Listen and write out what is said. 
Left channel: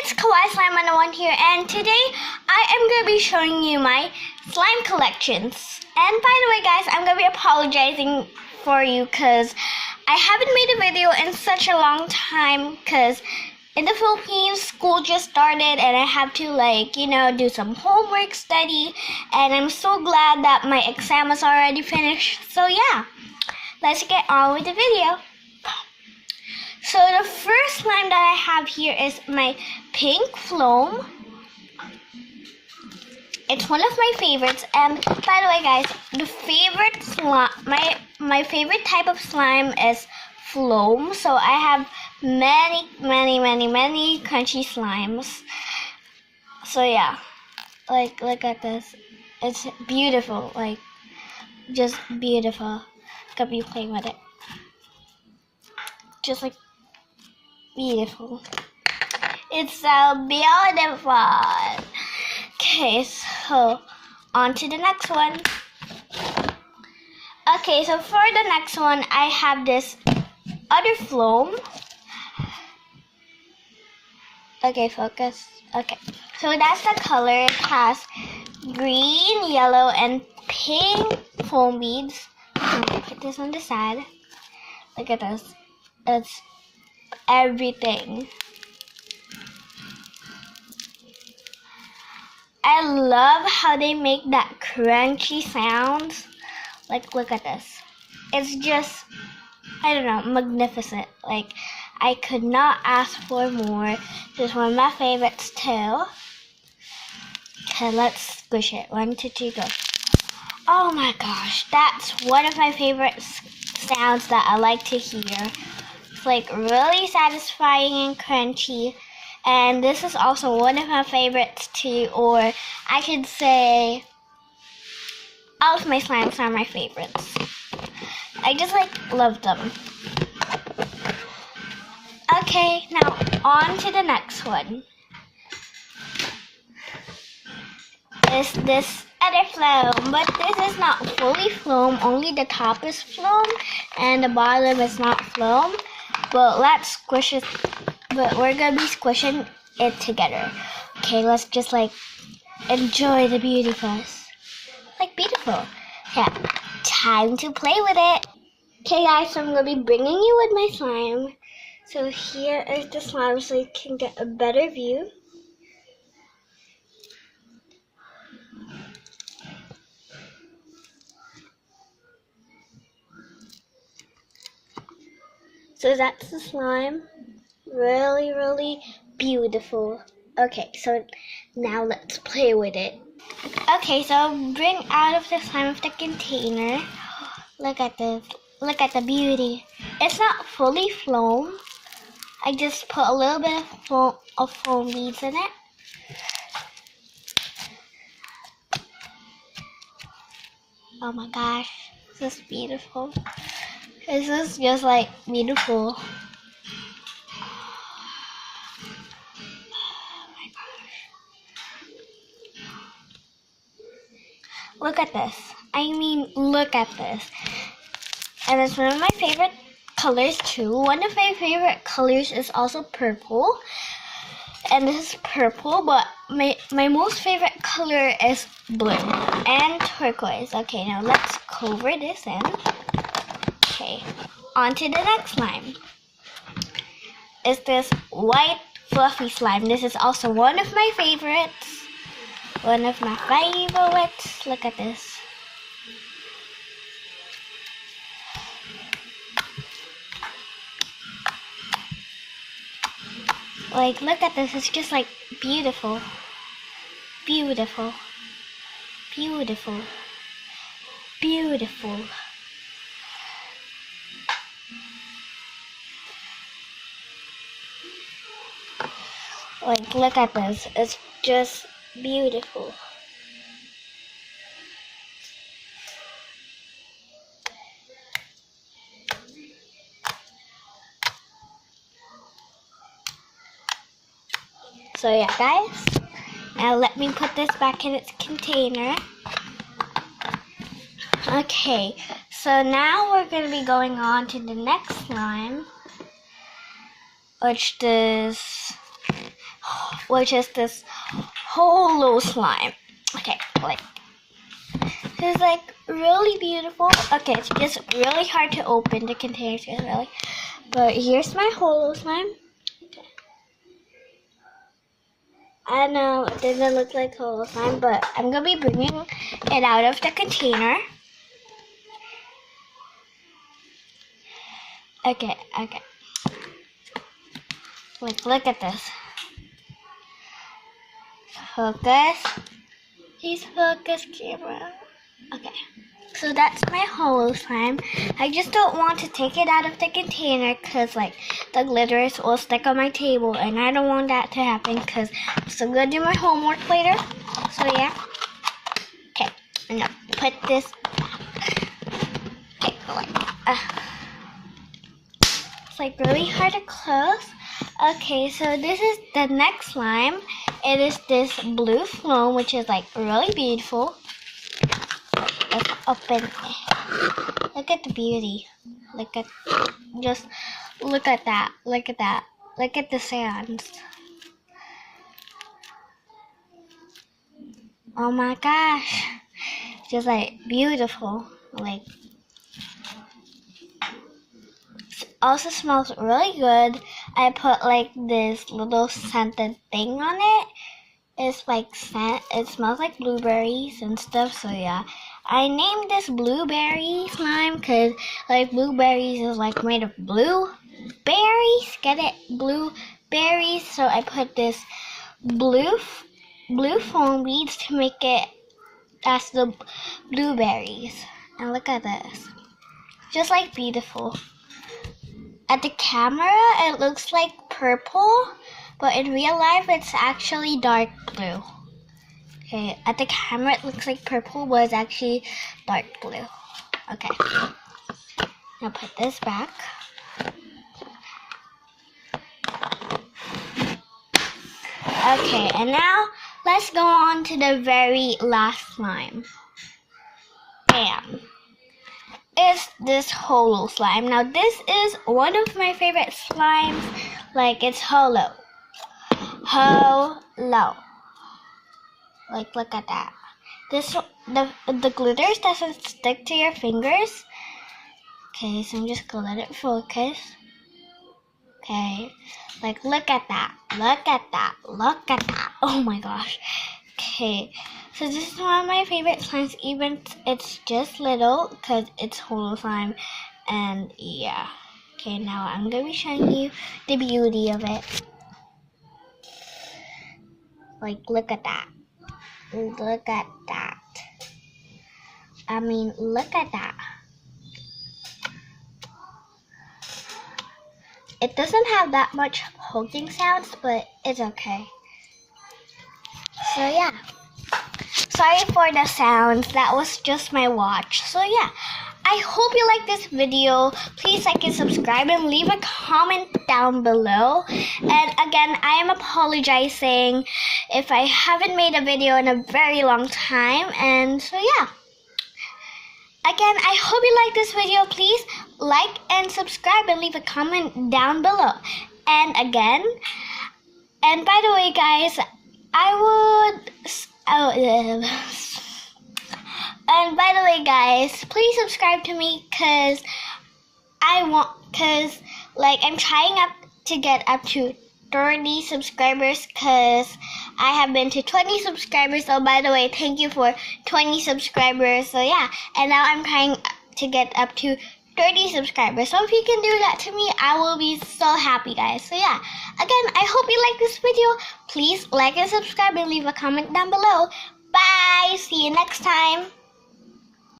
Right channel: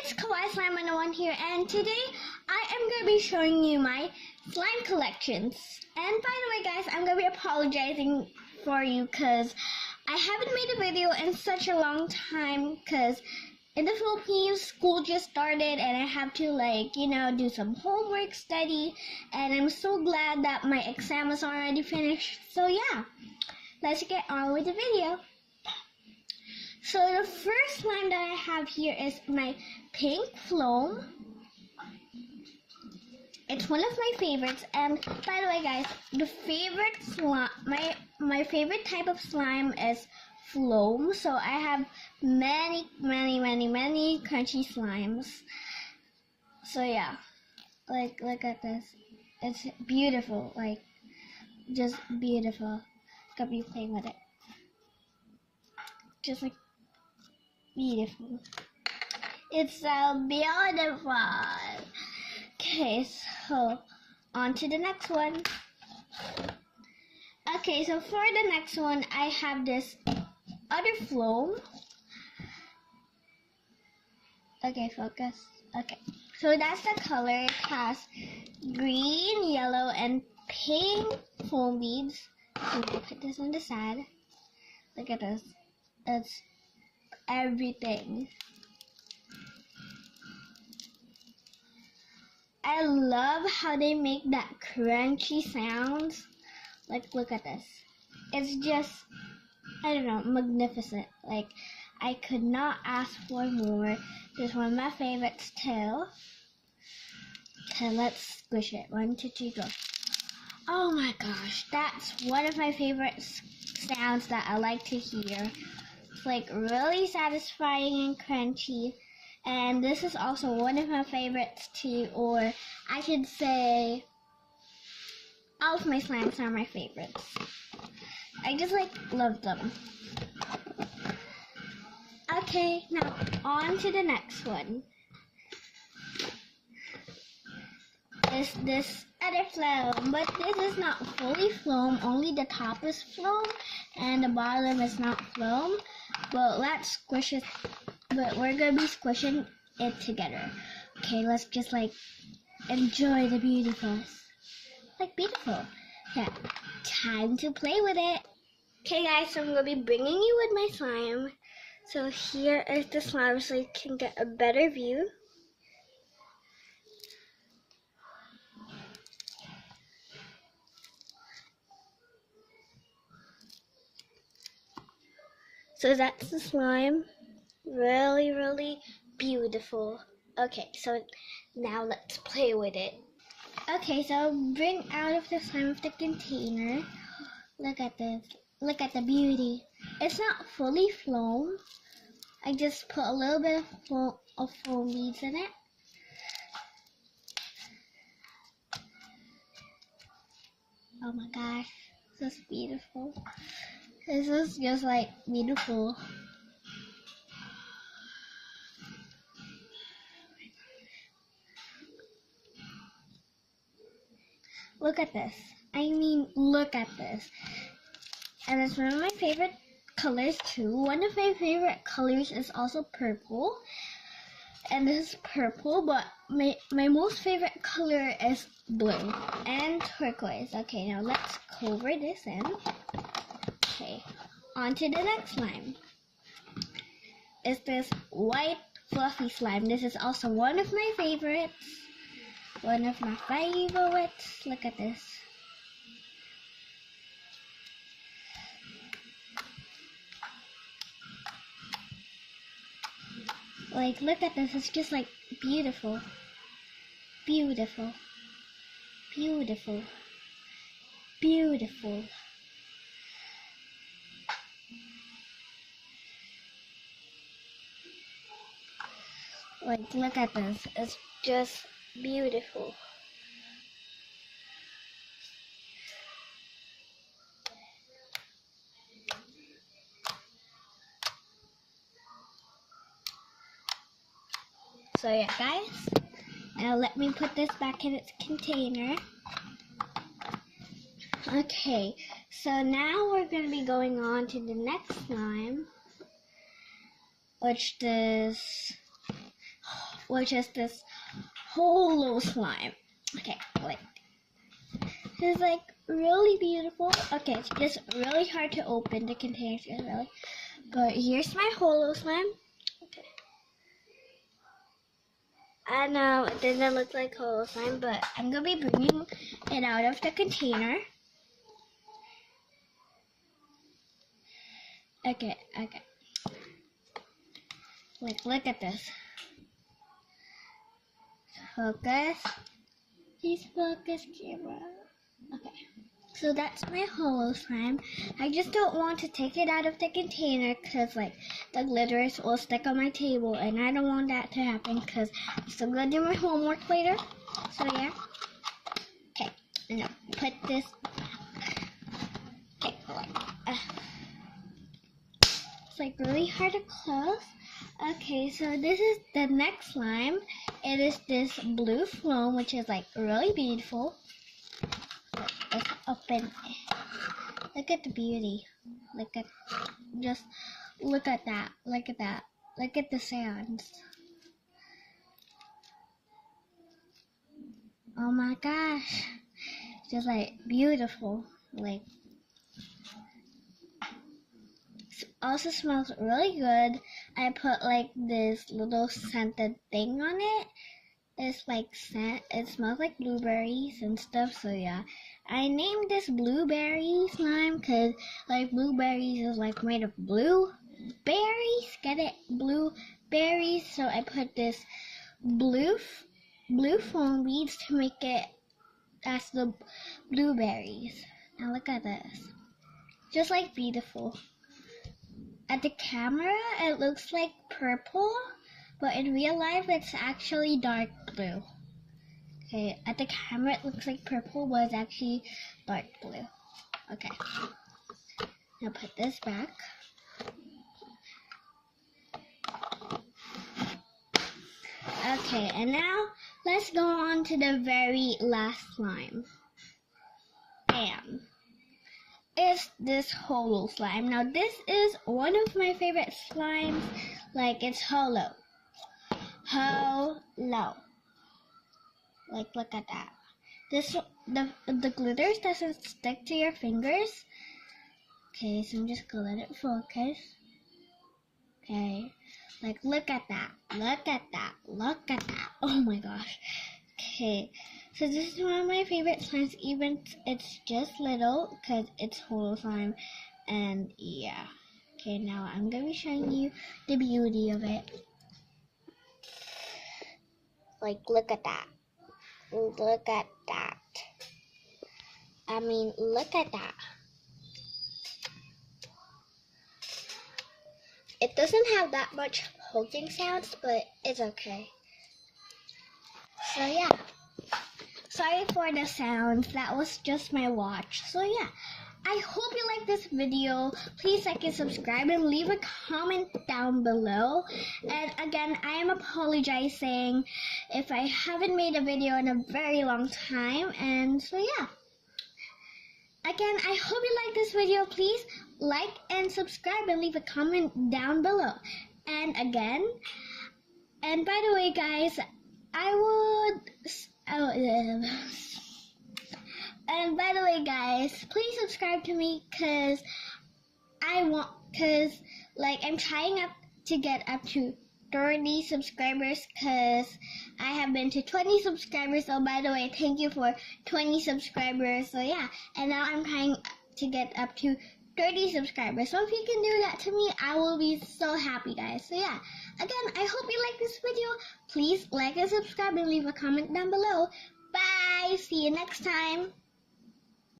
it's Kawaii Slime 101 here, and today I am going to be showing you my slime collections. And by the way, guys, I'm going to be apologizing for you because I haven't made a video in such a long time because in the Philippines, school just started and I have to do some homework study, and I'm so glad that my exam is already finished. So yeah, let's get on with the video. So the first slime that I have here is my pink Floam. It's one of my favorites, and by the way, guys, the favorite slime, my favorite type of slime is Floam. So I have many crunchy slimes. So yeah, look at this. It's beautiful, just beautiful. Look at me playing with it. Just beautiful. It's so beautiful. Okay, so on to the next one. Okay, so for the next one, I have this other Floam. Okay, focus. Okay, so that's the color. It has green, yellow, and pink foam beads. I'm gonna put this on the side. Look at this. It's everything. I love how they make that crunchy sounds. Look at this. It's just, I don't know, magnificent. I could not ask for more. This is one of my favorites too. Okay, let's squish it. 1, 2, 3, go. Oh my gosh, that's one of my favorite sounds that I like to hear. It's really satisfying and crunchy. And this is also one of my favorites too, or I should say all of my slimes are my favorites. I just love them. Okay, now on to the next one. Is this other Floam, but this is not fully Floam, only the top is Floam and the bottom is not Floam. But let's squish it, but we're gonna be squishing it together. Okay, let's just enjoy the beauty first. Beautiful. Yeah, time to play with it. Okay guys, so I'm gonna be bringing you with my slime. So here is the slime so you can get a better view. So that's the slime. Really beautiful. Okay, so now let's play with it. Okay, so bring out of the slime of the container. Look at this. Look at the beauty. It's not fully Floam. I just put a little bit of foam beads in it. Oh my gosh, this is beautiful. This is just beautiful. Look at this. I mean, look at this. And it's one of my favorite colors too. One of my favorite colors is also purple. And this is purple, but my most favorite color is blue and turquoise. Okay, now let's cover this in. Okay, on to the next slime. Is this white fluffy slime. This is also one of my favorites. One of my favorites. Look at this. Look at this. It's just beautiful. Beautiful. Beautiful. Beautiful. Look at this. It's just beautiful. So yeah, guys, now let me put this back in its container. Okay, so now we're going to be going on to the next slime, which is which is this holo slime. Okay, like this is like really beautiful. Okay, it's just really hard to open the containers, really. But here's my holo slime. Okay. I know it doesn't look like holo slime, but I'm gonna be bringing it out of the container. Okay. Like, look at this. Focus. Please focus, camera. Okay. So that's my holo slime. I just don't want to take it out of the container because like the glitters will stick on my table and I don't want that to happen because I'm still gonna do my homework later. So yeah. Okay, I'm gonna put this. Okay, it's like really hard to close. Okay, so this is the next slime. It is this blue foam, which is like really beautiful. Let's open it. Look at the beauty. Look at that. Look at that. Look at the sands. Oh my gosh. Just like beautiful. Like, also smells really good. I put like this little scented thing on it. It's like scent. It smells like blueberries and stuff. So yeah, I named this blueberry slime because like blueberries is like made of blueberries. Get it? Blueberries. So I put this blue foam beads to make it as the blueberries. And look at this. Just like beautiful. At the camera, it looks like purple, but in real life, it's actually dark blue. Okay, at the camera, it looks like purple, but it's actually dark blue. Okay, now put this back. Okay, and now let's go on to the very last slime. Bam. Is this holo slime. Now this is one of my favorite slimes. Like, it's holo. Like, look at that. The glitters doesn't stick to your fingers. Okay, so I'm just gonna let it focus. Okay, like, look at that. Oh my gosh. Okay, so this is one of my favorite slimes, even it's just little because it's holo slime. And yeah. Okay, now I'm gonna be showing you the beauty of it. Like, look at that. Look at that. I mean, look at that. It doesn't have that much poking sounds, but it's okay. So yeah. Sorry for the sounds. That was just my watch. So yeah. I hope you like this video. Please like and subscribe and leave a comment down below. And again, I am apologizing if I haven't made a video in a very long time. And so yeah. Again, I hope you like this video. Please like and subscribe and leave a comment down below. And again, and by the way guys, and by the way guys, please subscribe to me because like I'm trying to get up to 30 subscribers because I have been to 20 subscribers. So by the way, thank you for 20 subscribers. So yeah, and now I'm trying to get up to 30 subscribers. So if you can do that to me, I will be so happy guys. So yeah, again, I hope you like this video. Please like and subscribe and leave a comment down below. Bye, see you next time.